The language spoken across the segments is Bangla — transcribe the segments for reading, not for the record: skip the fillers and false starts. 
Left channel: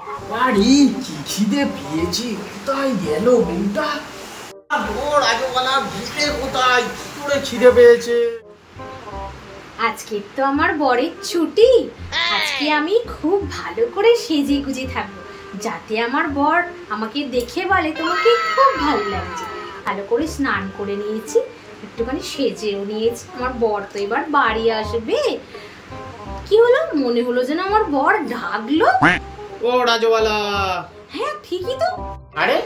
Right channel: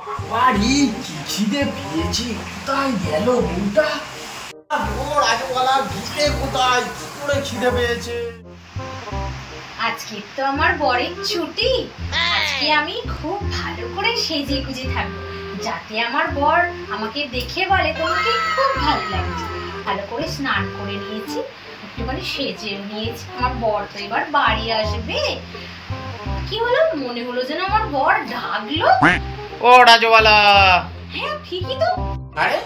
আরে কি খিদে পেয়েছি, কোথায় গেল বউটা? রাজওয়ালা ঢুকে কোথায়, কি করে খিদে পেয়েছে? আজকে তো আমার বরের ছুটি, আজকে আমি খুব ভালো করে সেজে গুজে থাকবো, যাতে আমার বর আমাকে দেখে বলে তোমাকে খুব ভালো লাগছে। ভালো করে স্নান করে নিয়েছি, একটুখানি সেজেও নিয়েছি। আমার বর তো এবার বাড়ি আসবে। কি হলো, মনে হলো যেন আমার বর ডাকলো। ও রাজওয়ালা। হ্যাঁ ঠিকই তো। আরে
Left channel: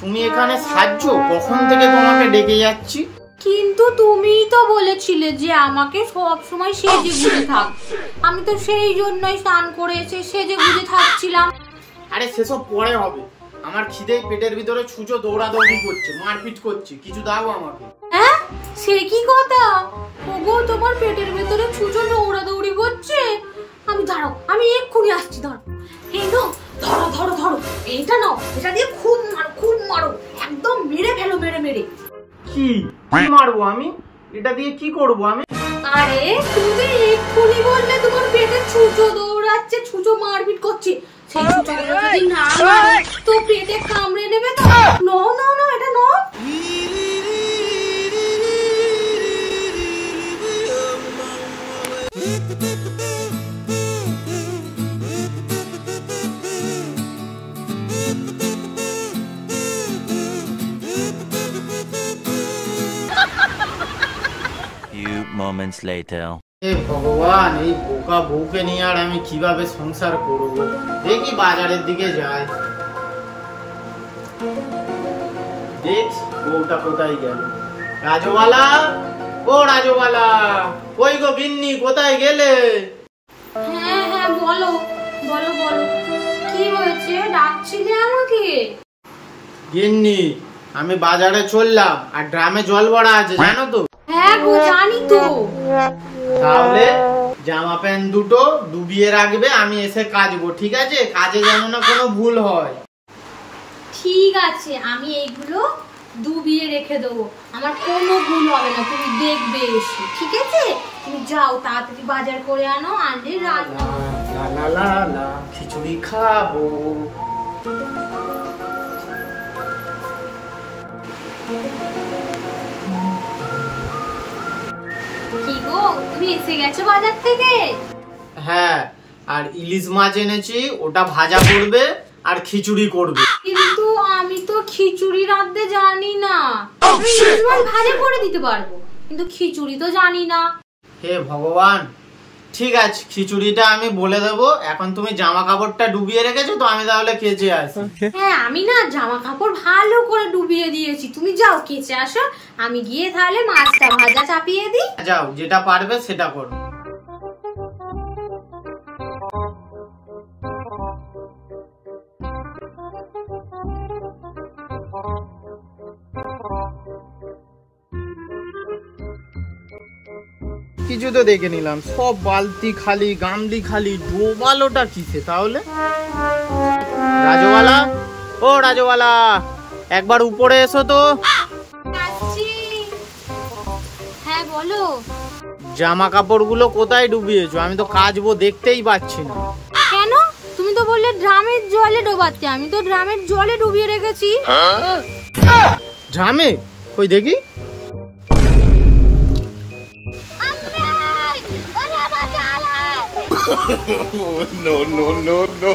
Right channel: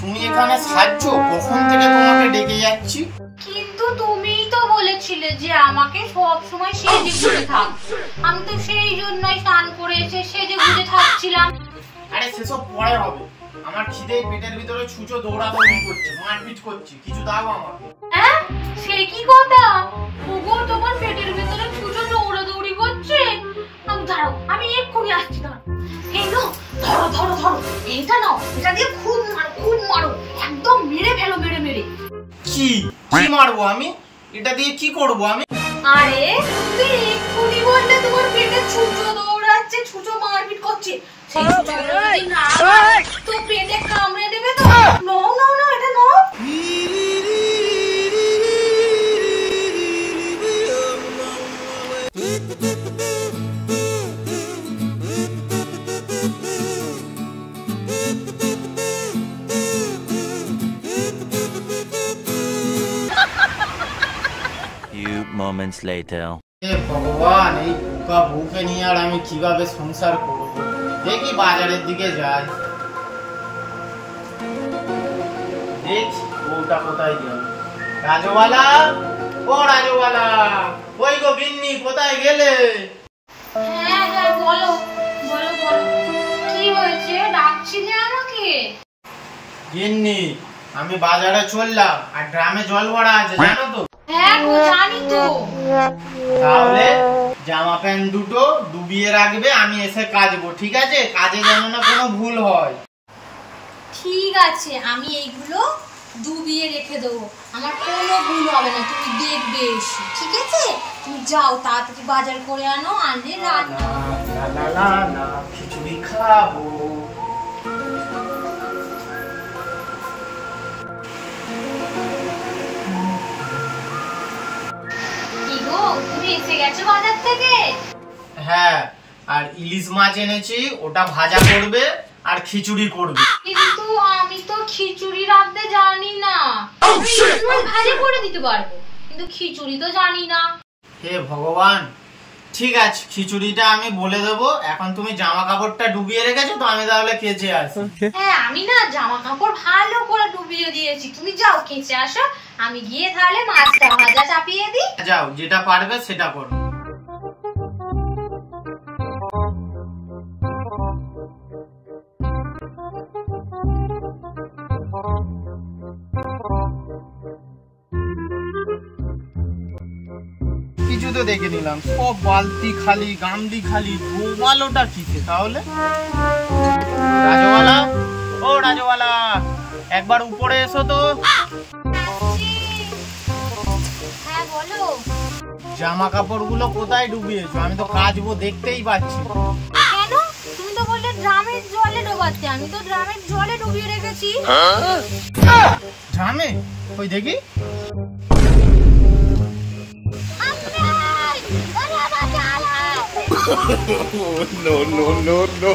তুমি এখানে সাজছো, কখন থেকে তোমাকে ডেকে যাচ্ছি। কিন্তু তুমিই তো বলেছিলে যে আমাকে সব সময় সেজে গুজে থাক, আমি তো সেই জন্যই স্নান করে এসে সেজে গুজে থাকছিলাম। আরে সেসব পরে হবে, আমার খিদে পেটের ভিতরে ছুঁচো দৌড়াদৌড়ি করছে, মারপিট করছে, কিছু দাও আমাকে। হ্যাঁ সে কি কথা, ওগো তোমার পেটের ভিতরে ছুঁচো দৌড়াদৌড়ি করছে? আমি দাঁড়াও, আমি এক্ষুনি আসছি, দাঁড়াও। এই নাও, ধরো ধরো ধরো, এটা নাও, এটা দিয়ে খুব মারো, খুব মারো, একদম মেরে ফেলো, মেরে মেরে। কি কি মারবো আমি? এটা দিয়ে কি করব আমি? আরে তুমি এক্ষুনি বললে তোমার পেটে ছুঁচো দৌড়াচ্ছে, ছুঁচো মারপিট করছে, সেই ছুঁচোটা যদি না মারো তো পেটে কামড়ে নেবে তো। নাও নাও নাও, এটা নাও। Few moments later. হে ভগবান, এই বোকা বউকে নিয়ে আর আমি কিভাবে সংসার করব? দেখি বাজারের দিকে যাই, দেখি বউটা কোথায় গেল। রাজওয়ালা, ও রাজওয়ালা, ওই গো গিন্নি, কোথায় গেলে? হ্যাঁ হ্যাঁ বলো বলো বলো, কি হয়েছে, ডাকছিলে আমাকে? গিন্নি, আমি বাজারে চললাম, আর ড্রামে জল ভরা আছে জানো তো। হ্যাঁ গো জানি তো। তাহলে জামা প্যান্ট দুটো ডুবিয়ে রাখবে, আমি এসে কাচবো, ঠিক আছে? কাজে যেন না কোনো ভুল হয়। ঠিক আছে, আমি এইগুলো ডুবিয়ে রেখে দেবো, আমার কোনো ভুল হবে না, তুমি দেখবে এসে, ঠিক আছে? তুমি যাও তাড়াতাড়ি বাজার করে আনো, আনলে রান্না হবে। না না না না, খিচুড়ি খাবো। কি গো, তুমি এসে গেছো বাজার থেকে? হ্যাঁ, আর ইলিশ মাছ এনেছি, ওটা ভাজা করবে আর খিচুড়ি করবে। কিন্তু আমি তো খিচুড়ি রাঁধতে জানি না। আমি ইলিশ মাছ ভাজা করে দিতে পারবো, কিন্তু খিচুড়ি তো জানি না। হে ভগবান, ঠিক আছে, খিচুড়িটা আমি বলে দেবো। এখন তুমি জামা কাপড়টা ডুবিয়ে রেখেছো তো, আমি তাহলে কেচে আসি। হ্যাঁ আমি না জামা কাপড় ভালো করে ডুবিয়ে দিয়েছি, তুমি যাও কেচে আসো, আমি গিয়ে তাহলে মাছটা ভাজা চাপিয়ে দিই। যাও, যেটা পারবে সেটা করো। কিছু তো দেখে নিলাম, সব বালতি খালি, গামলি খালি, ডোবালোটা কিসে তাহলে? রাজওয়ালা, ও রাজওয়ালা, একবার উপরে এসো তো। হ্যাঁ বলো। জামা কাপড়গুলো কোথায় ডুবিয়েছো? আমি তো কাচবো, দেখতেই পাচ্ছি না। কেন, তুমি তো বললে ড্রামের জলে ডোবাতে, আমি তো ড্রামের জলে ডুবিয়ে রেখেছি। ড্রামে? ওই দেখি। No, no, no, no.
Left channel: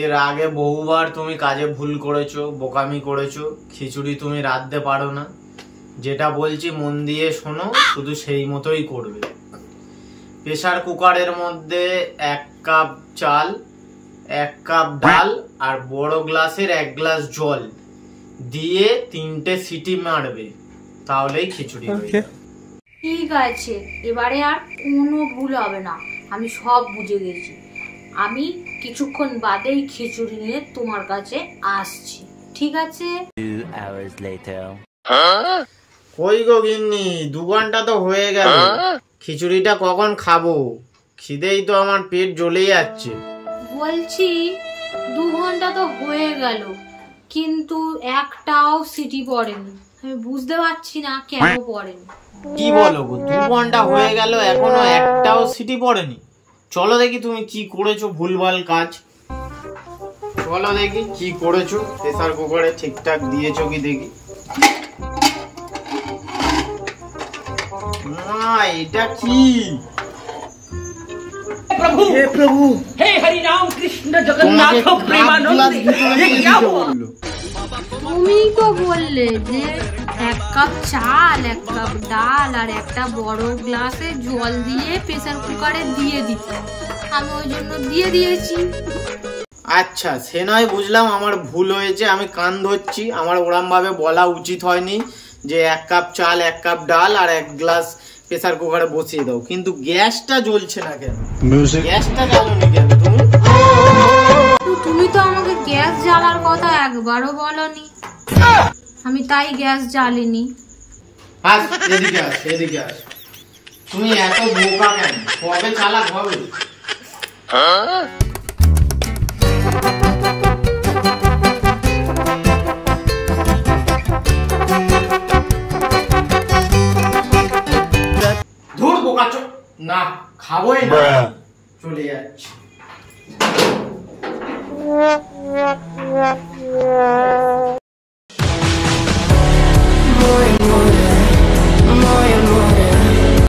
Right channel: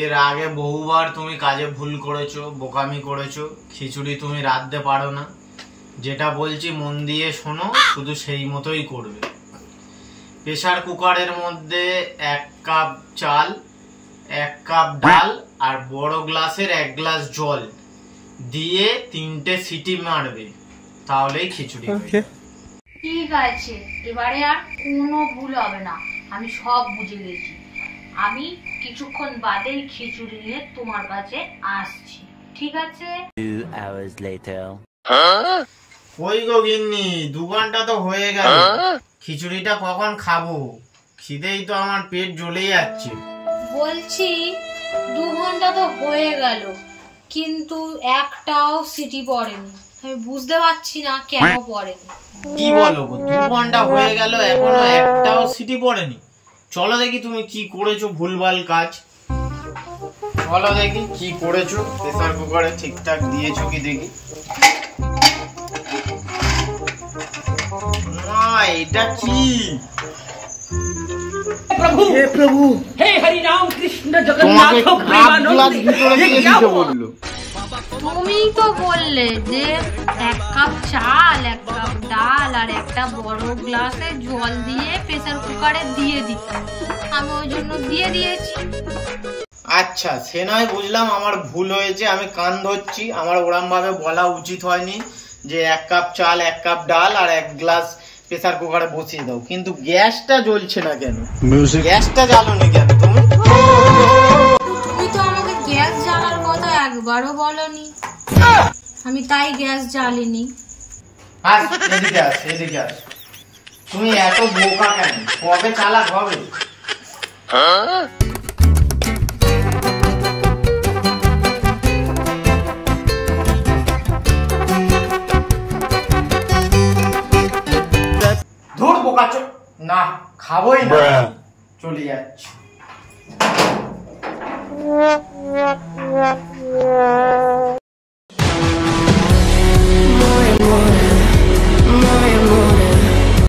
এর আগে বহুবার তুমি কাজে ভুল করেছো, বোকামি করেছো, খিচুড়ি তুমি রাঁধতে পারো না। যেটা বলছি মন দিয়ে শোনো, শুধু সেই মতোই করবে। প্রেসার কুকারের মধ্যে 1 কাপ চাল, 1 কাপ ডাল আর বড় গ্লাসের 1 গ্লাস জল দিয়ে 3টে সিটি মারবে, তাহলেই খিচুড়ি হবে। ঠিক আছে, এবারে আর কোনো ভুল হবে না, আমি সব বুঝে গেছি। আমি কিছুক্ষণ বাদেই খিচুড়ি নিয়ে তোমার কাছে আসছি, ঠিক আছে? 2 hours later. কই গো গিন্নি, 2 ঘন্টা তো হয়ে গেল, খিচুড়িটা কখন খাবো? খিদেই তো আমার পেট জ্বলে যাচ্ছে। বলছি 2 ঘন্টা তো হয়ে গেল, কিন্তু একটাও সিটি পড়েনি। আমি বুঝতে পারছি না কেন পড়েনি। কি বলো গো, 2 ঘন্টা হয়ে গেল এখনো একটাও সিটি পড়েনি? চলো দেখি তুমি কি করেছো ভুলভাল কাজ। চলো দেখি কি করেছো, প্রেসার কুকারে ঠিকঠাক দিয়েছো কি দেখি। এটা কি? प्रभु हे प्रभु हे हरि राम कृष्ण जगन्नाथ प्रेमानंद ये क्या हुआ? তুমি তো বললে যে 1 কাপ চাল, 1 কাপ ডাল আর একটা বড় গ্লাসে জল দিয়ে প্রেসার কুকারে দিয়ে দিতে। আমি ওই জন্য দিয়ে দিয়েছি। আচ্ছা, সে নয় বুঝলাম, আমার ভুল হয়েছে, আমি কান ধরছি। আমার ওরম ভাবে বলা উচিত হয়নি যে 1 কাপ চাল, 1 কাপ ডাল আর 1 গ্লাস প্রেসার কুকারে বসিয়ে দাও। কিন্তু গ্যাসটা জ্বলছে না কেন? গ্যাসটা জ্বালোনি কেন তুমি? তুমি তো আমাকে গ্যাস জ্বালার কথা একবারও বলনি, আমি তাই গ্যাস জ্বালিনি। এদিকে আস, এদিকে আস। তুমি এত বোকা কেন? কবে চালাক হবে? ধুর বোকা চো না, খাবোই না, চলে যাচ্ছি। More and more